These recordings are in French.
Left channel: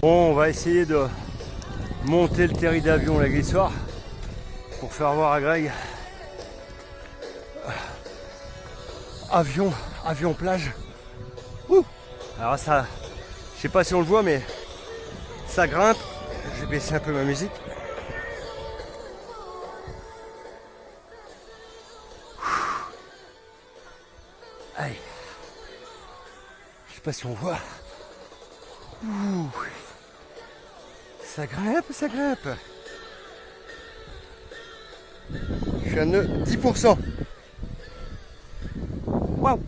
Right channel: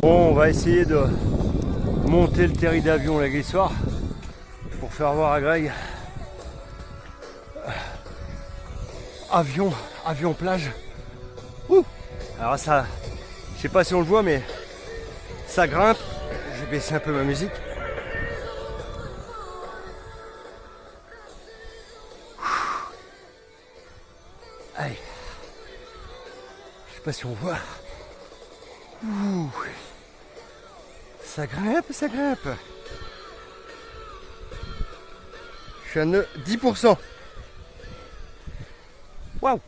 Bon, on va essayer de monter le terri d'avion la glissoire pour faire voir à Greg. Avion plage. Ouh. Alors ça, je sais pas si on le voit, mais ça grimpe. Je vais baisser un peu ma musique. Allez. Je sais pas si on voit. Ouh. Ça grimpe, ça grimpe. Je suis à 10%. Waouh.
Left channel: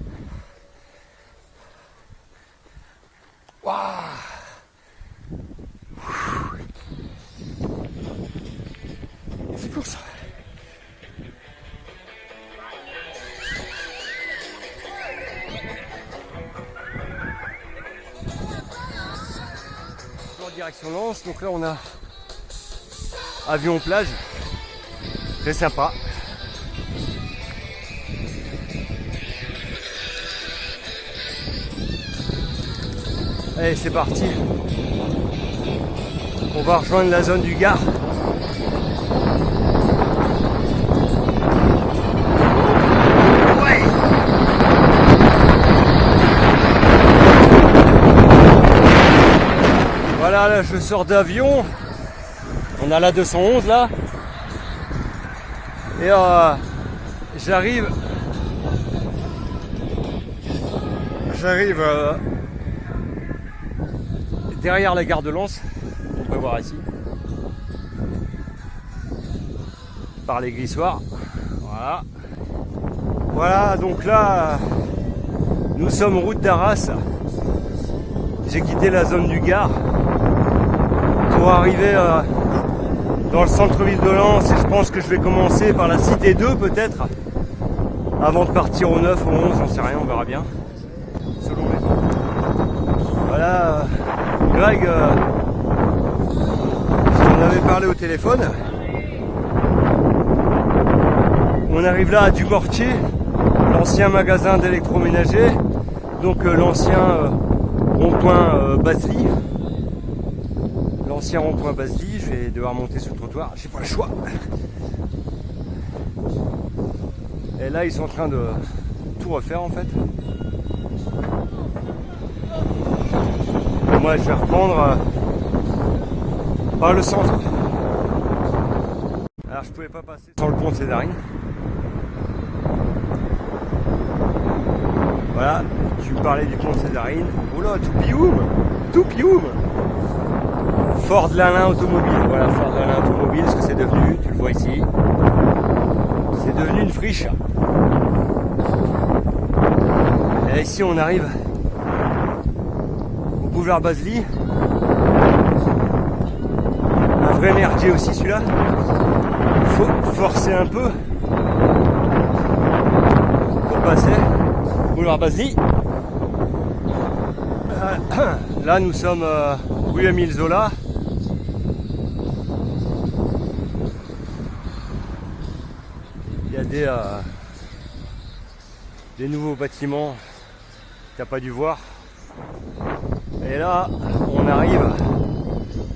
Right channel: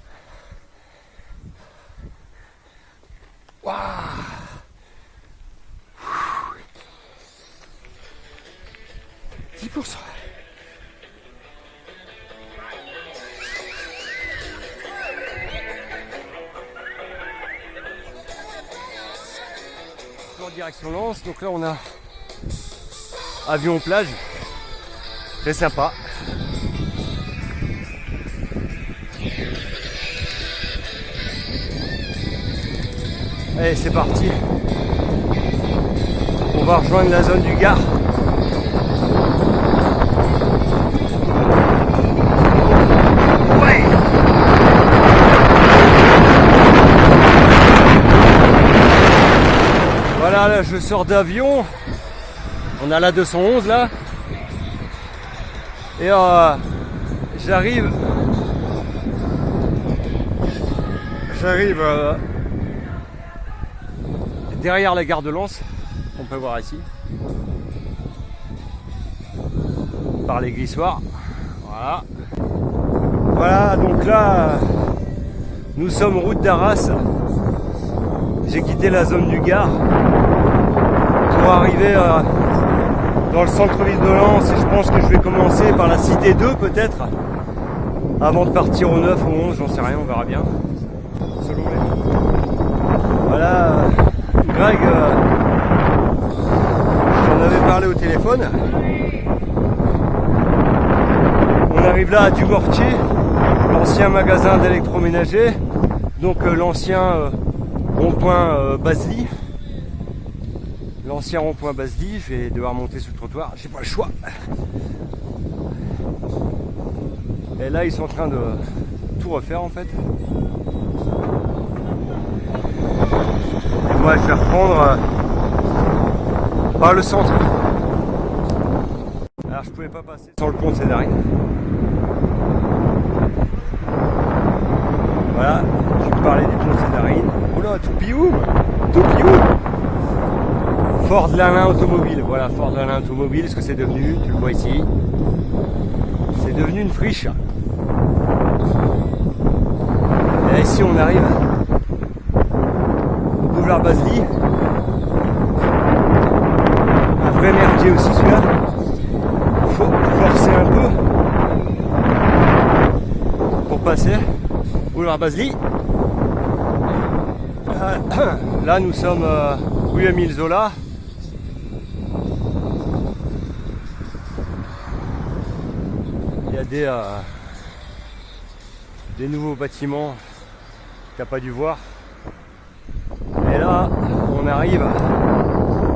Waouh. 10%. En direction Lens, donc là on a avion plage, très sympa. Allez, c'est parti. On va rejoindre la zone du Gard. Ouais. Voilà, là je sors d'avion. On a la 211 là. Et j'arrive derrière la gare de Lens. On peut voir ici. Par les glissoires. Voilà. Voilà, donc là, nous sommes route d'Arras. J'ai quitté la zone du Gard pour arriver dans le centre-ville de Lens, et je pense que je vais commencer par la cité 2 peut-être, avant de partir au 9, au 11, j'en sais rien, on verra bien, selon les gens. Voilà, Greg, je t'en avais parlé au téléphone. On arrive là à Dumortier, l'ancien magasin d'électroménager, donc l'ancien rond-point Basely. L'ancien rond-point Basely, je vais devoir monter sous le trottoir, j'ai pas le choix. Et là ils sont en train de tout refaire en fait. Et moi je vais reprendre par le centre. Alors je pouvais pas passer sans le pont de Césarine. Voilà, tu me parlais du pont de Césarine. Oh là, tout pioum. Fort de l'Alain Automobile, voilà, Fort de l'Alain Automobile, ce que c'est devenu, tu le vois ici. C'est devenu une friche. Et ici on arrive au boulevard Basely. Un vrai merdier aussi celui-là. Faut forcer un peu pour passer. Boulevard Basely. Là nous sommes rue Émile Zola. Il y a des nouveaux bâtiments que tu n'as pas dû voir. Et là, on arrive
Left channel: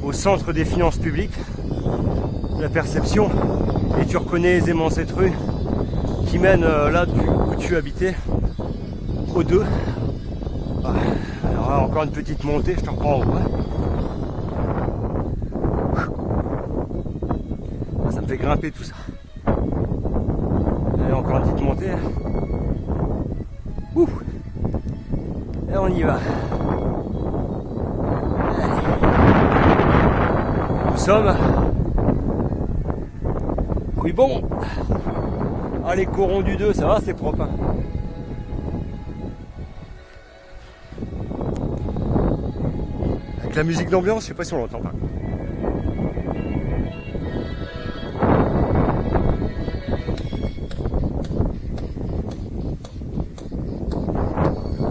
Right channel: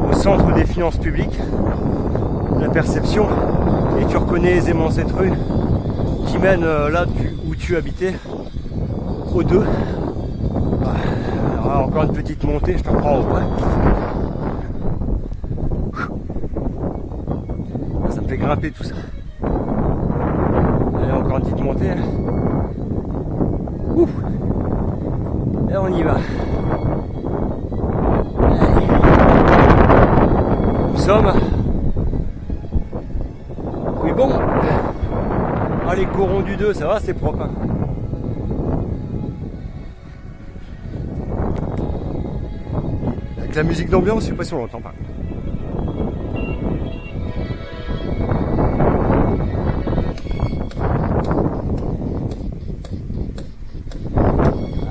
au centre des finances publiques, la Perception, et tu reconnais aisément cette rue qui mène là où tu habitais, au 2. Alors là, encore une petite montée, je te reprends au vrai. Ça me fait grimper tout ça. Allez, encore une petite montée. Ouh. Et on y va. Allez. Nous sommes rue Bon. Ah, les corons du 2, ça va, c'est propre. Hein. Avec la musique d'ambiance, je sais pas si on l'entend pas.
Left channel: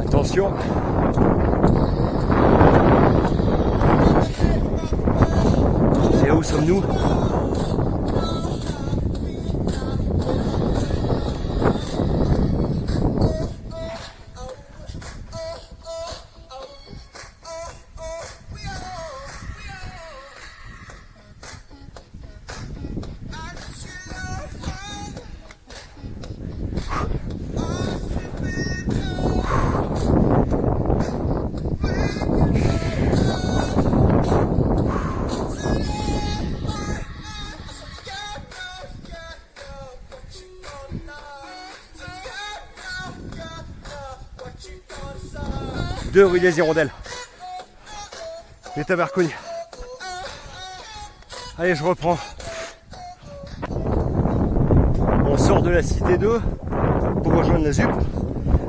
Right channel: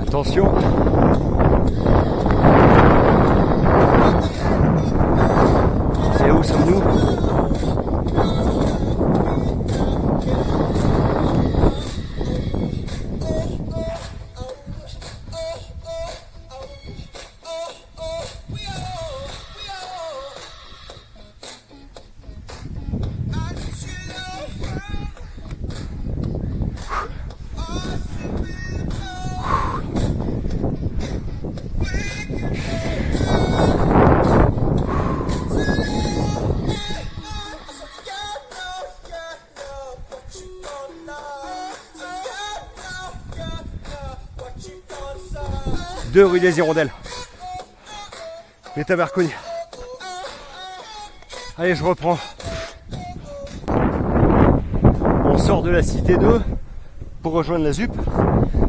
Attention. Et où sommes-nous? 2 rue des Hirondelles. Mais t'avais reconnu. Allez, je reprends. On sort de la cité 2 pour rejoindre la ZUP.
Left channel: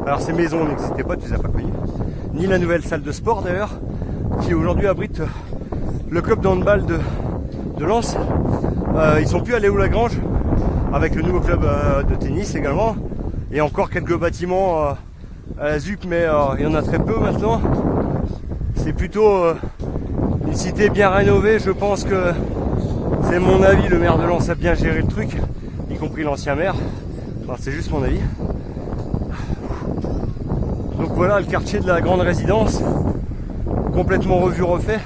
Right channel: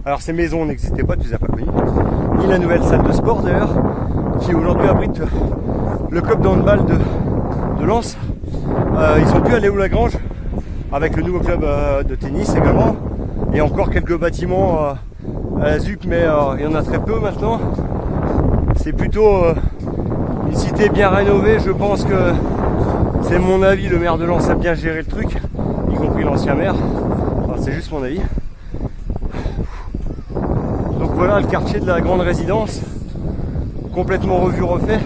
Alors ces maisons n'existaient pas, tu les as pas connues. Ni la nouvelle salle de sport d'ailleurs, qui aujourd'hui abrite le club de handball de Lens. Ils sont plus à Léo-Lagrange, avec le nouveau club de tennis également. Et encore quelques bâtiments à la ZUP, mais il y en a très peu maintenant. C'est plutôt une cité bien rénovée. Je pense que c'est mon avis, le maire de Lens a bien géré le truc, y compris l'ancien maire. Enfin, c'est juste mon avis. Donc voilà le quartier de la grande résidence, complètement revu, refait.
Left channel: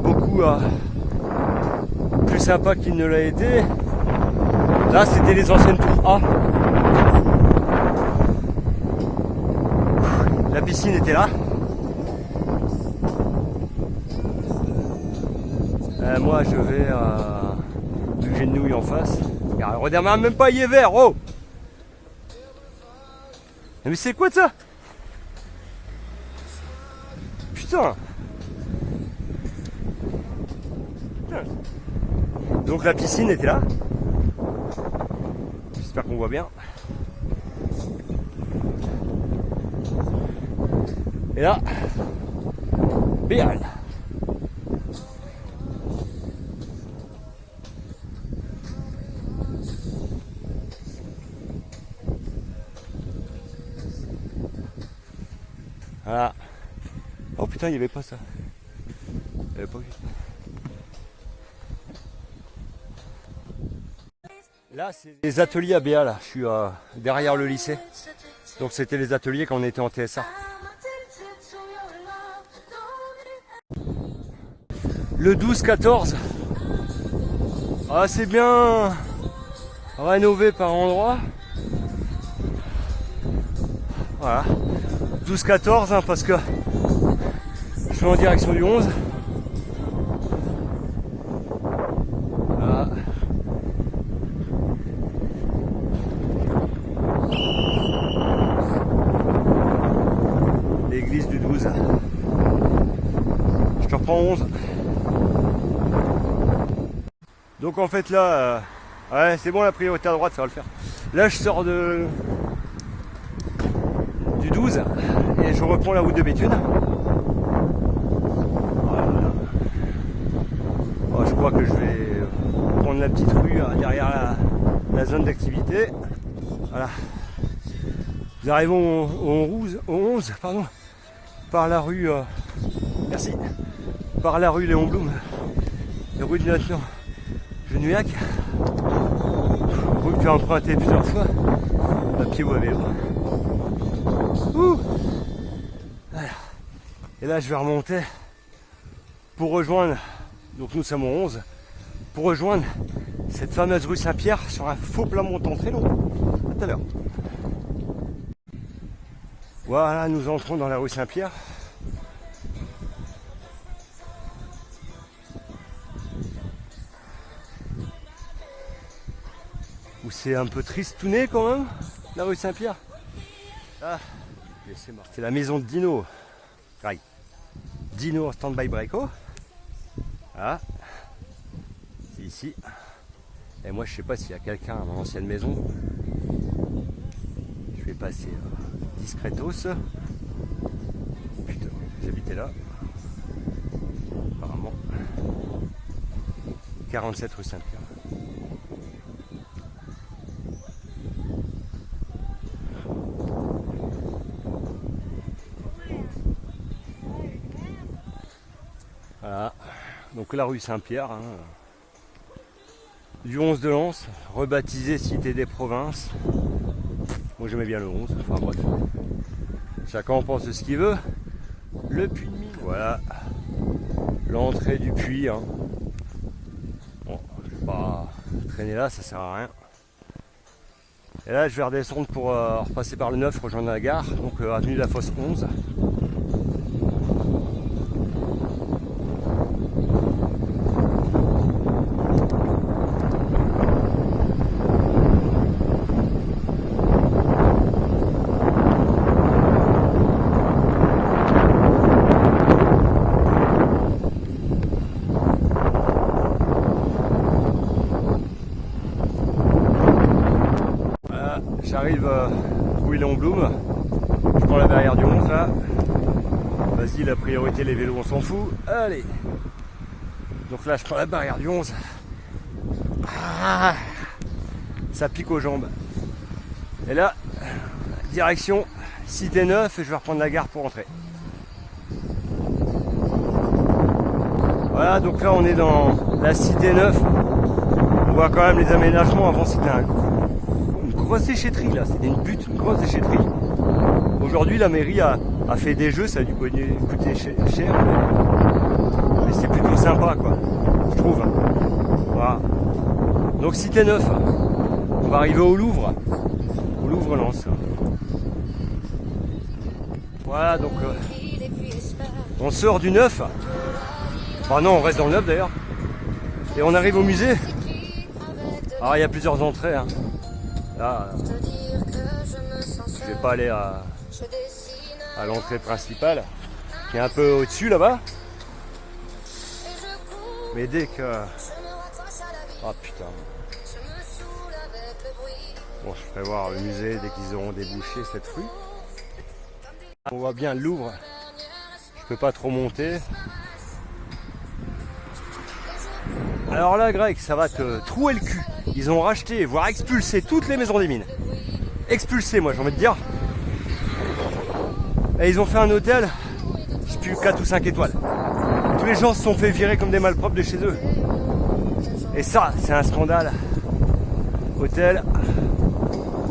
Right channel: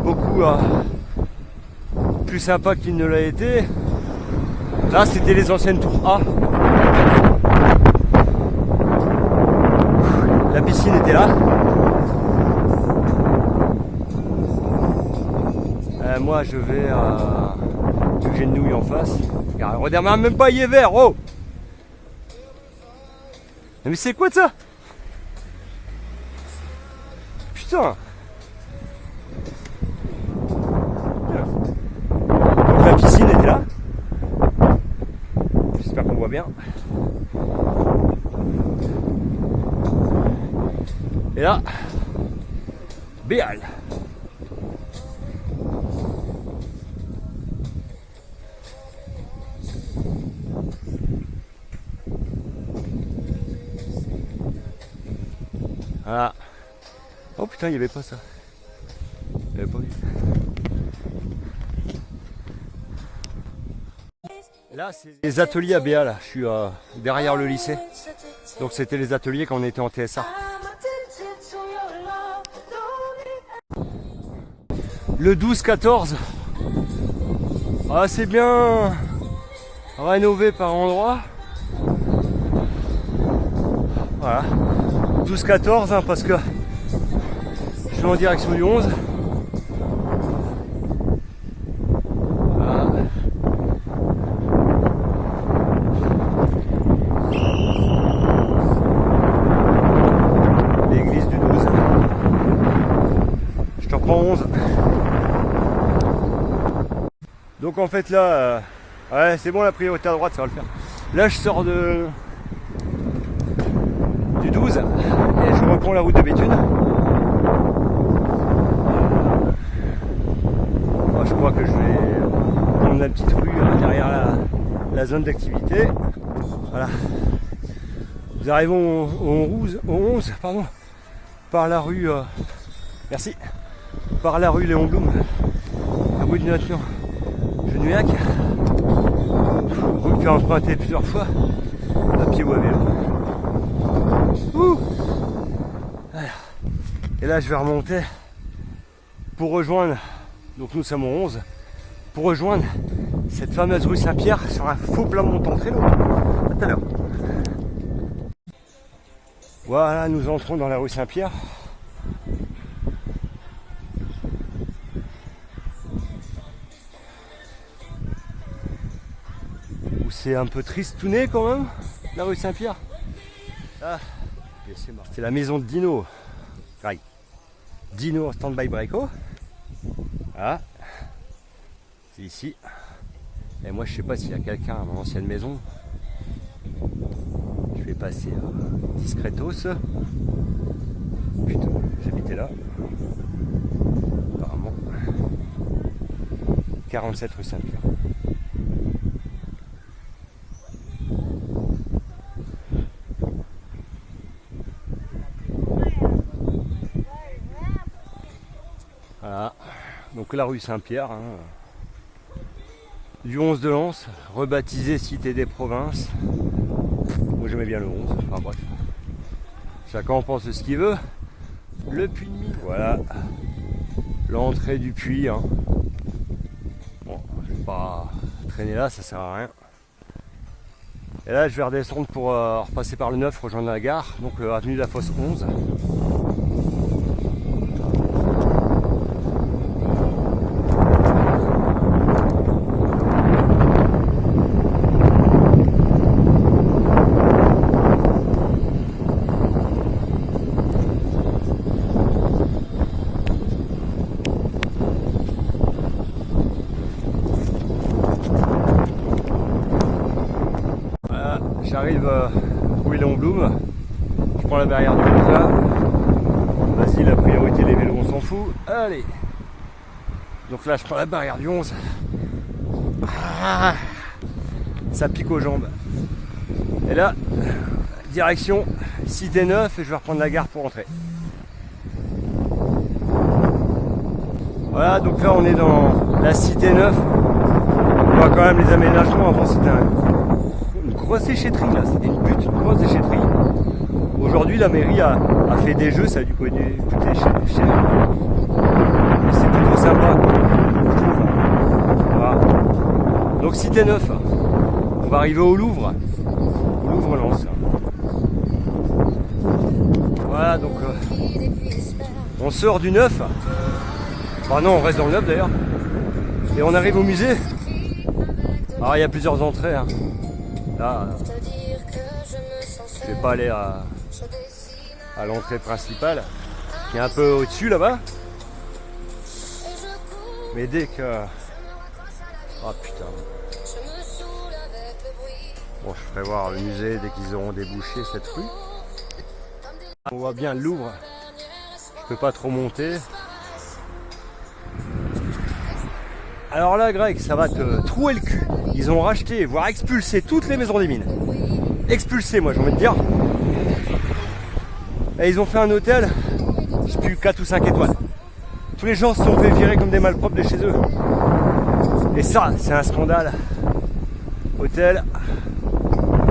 Beaucoup plus sympa qu'il ne l'a été. Là c'était les anciennes tours A. La piscine était là. Moi je vais vu que j'ai une nouille en face. Regarde même pas, il est vert, oh. Mais c'est quoi ça? Putain. Donc la piscine était là. J'espère qu'on voit bien. Et là, Béal. Voilà. Oh putain, il n'y avait pas ça. J'avais pas vu. Là, c'est les ateliers à Béal. Là. Je suis derrière le lycée. Donc c'était les ateliers quand on était en TSA. Le 12-14. Ah, c'est bien rénové par endroit. Voilà. 12-14 hein, parce que je vais en direction du 11. Voilà. L'église du 12. Je te reprends 11. Donc en fait là, ouais c'est bon, la priorité à droite ça va le faire. Là je sors du 12 et je reprends la route de Béthune. Bon, je crois que je vais prendre la petite rue derrière la zone d'activité. Voilà. Nous arrivons au 11 pardon, par la rue merci, par la rue Léon Blum, la rue de Lieutenant Genouillac, rue que tu as emprunté plusieurs fois, à pied ou à vélo. Ouh. Voilà. Et là je vais remonter pour rejoindre, donc nous sommes au 11, pour rejoindre cette fameuse rue Saint-Pierre sur un faux plat montant très long. À tout à l'heure. Voilà, nous entrons dans la rue Saint-Pierre. Où c'est un peu tristouné quand même, la rue Saint-Pierre. Ah, c'est la maison de Dino. Greg. Dino Stand-by Breako. Ah, c'est ici. Et moi je sais pas s'il y a quelqu'un à mon ancienne maison. Je vais passer discretos. Putain, j'habitais là. Apparemment. 47 rue Saint-Pierre. Voilà. Donc la rue Saint-Pierre. Hein, du 11 de Lens, rebaptisé Cité des Provinces. Moi j'aimais bien le 11, enfin bref. Chacun en pense de ce qu'il veut. Le puits de mine. Voilà. L'entrée du puits. Hein. Bon, je vais pas traîner là, ça sert à rien. Et là je vais redescendre pour repasser par le 9, rejoindre la gare. Donc avenue de la Fosse 11. J'arrive où il est en bloom. Je prends la barrière du 11 là. Vas-y, la priorité les vélos on s'en fout. Allez. Donc là je prends la barrière du 11. Ah, ça pique aux jambes. Et là, direction Cité 9 et je vais reprendre la gare pour rentrer. Voilà, donc là on est dans la Cité 9. On voit quand même les aménagements. Avant c'était une grosse déchetterie là, c'était une butte, une grosse déchetterie. Aujourd'hui la mairie a fait des jeux, ça a dû coûter cher, mais c'est plutôt sympa quoi, je trouve. Voilà. Donc Cité 9, on va arriver au Louvre Lens. Voilà, donc on sort du 9. Enfin non, on reste dans le 9 d'ailleurs. Et on arrive au musée. Alors il y a plusieurs entrées. Hein. Là, je vais pas aller à l'entrée principale. Il y a un peu au-dessus là-bas. Mais dès que... Ah putain. Bon, je ferai voir le musée dès qu'ils auront débouché cette rue. On voit bien le Louvre. Je peux pas trop monter. Alors là, Greg, ça va te trouer le cul. Ils ont racheté, voire expulsé toutes les maisons des mines. Expulsé, moi, j'ai envie de dire. Et ils ont fait un hôtel, je sais plus, 4 ou 5 étoiles. Tous les gens se sont fait virer comme des malpropres de chez eux. Et ça, c'est un scandale. Hôtel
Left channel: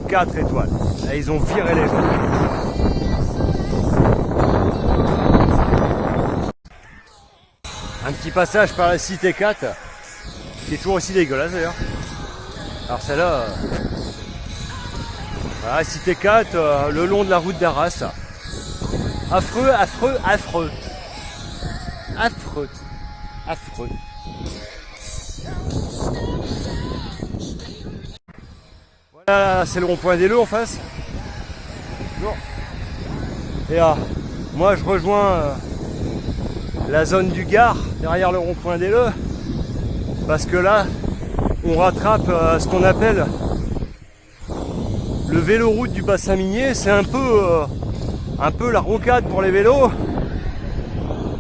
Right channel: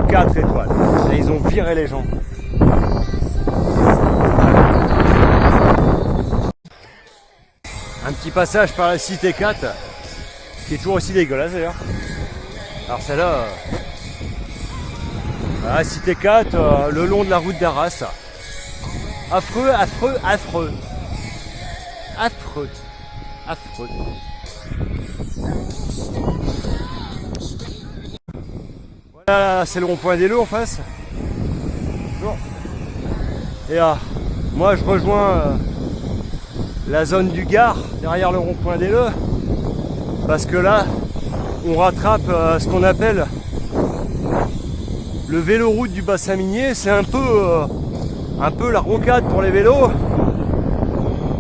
4 étoiles. Et ils ont viré les gens. Un petit passage par la Cité 4, qui est toujours aussi dégueulasse d'ailleurs. Alors celle-là, la Cité 4, le long de la route d'Arras. Affreux, affreux, affreux. Affreux. Affreux. Voilà, c'est le rond-point des Leux en face. Bonjour. Et moi je rejoins la zone du Gard, derrière le rond-point des Leux. Parce que là, on rattrape ce qu'on appelle le véloroute du bassin minier. C'est un peu la rocade pour les vélos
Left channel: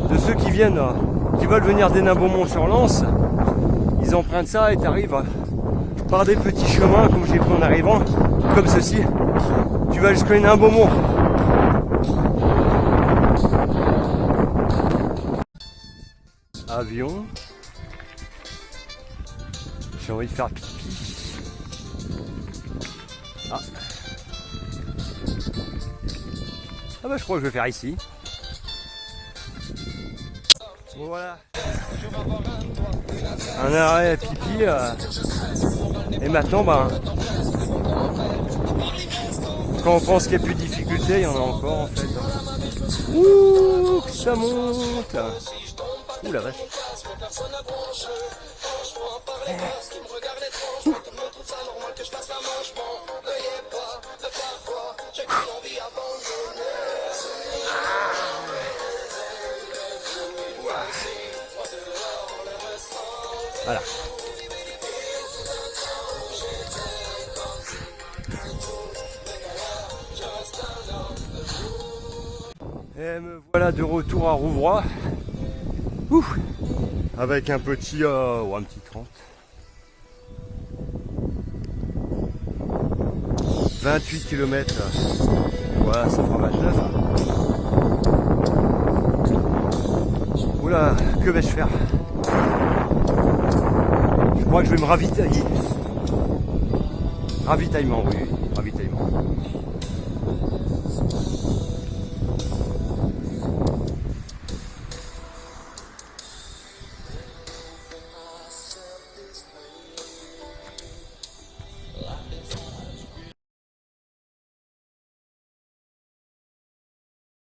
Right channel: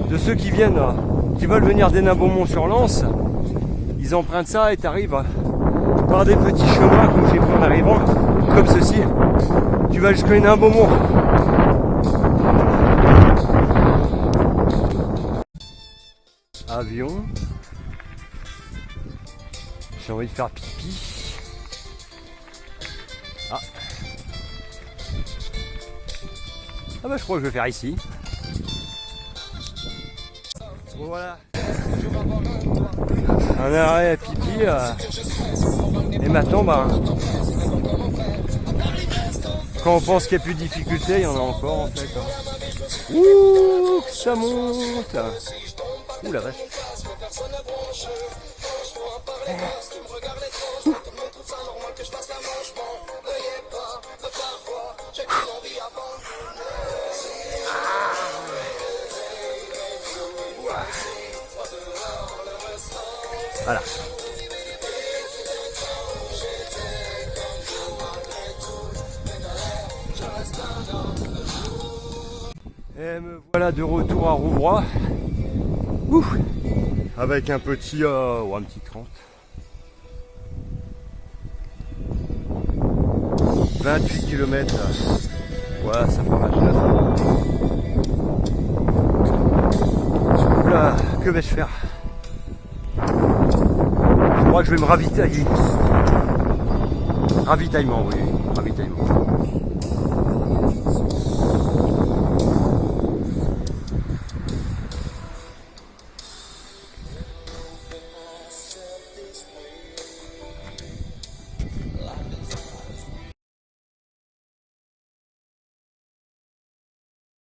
de ceux qui veulent venir d'Hénin-Beaumont-sur-Lens. Ils empruntent ça et t'arrives par des petits chemins comme j'ai pris en arrivant, comme ceci. Tu vas jusqu'à Hénin-Beaumont. Avion. J'ai envie de faire pipi. Ah. Ah bah je crois que je vais faire ici. Bon voilà. Un arrêt à pipi. Et maintenant bah quand on pense qu'il n'y a plus de difficultés, il y en a encore en fait. Ouh que ça monte. Ouh la vache. Voilà. Et me voilà de retour à Rouvroy. Ouh, avec un petit ou un petit 30. 28 km. Voilà, ça fera 29. Oula, que vais-je faire? Je crois que je vais me ravitailler. Ravitaillement, oui.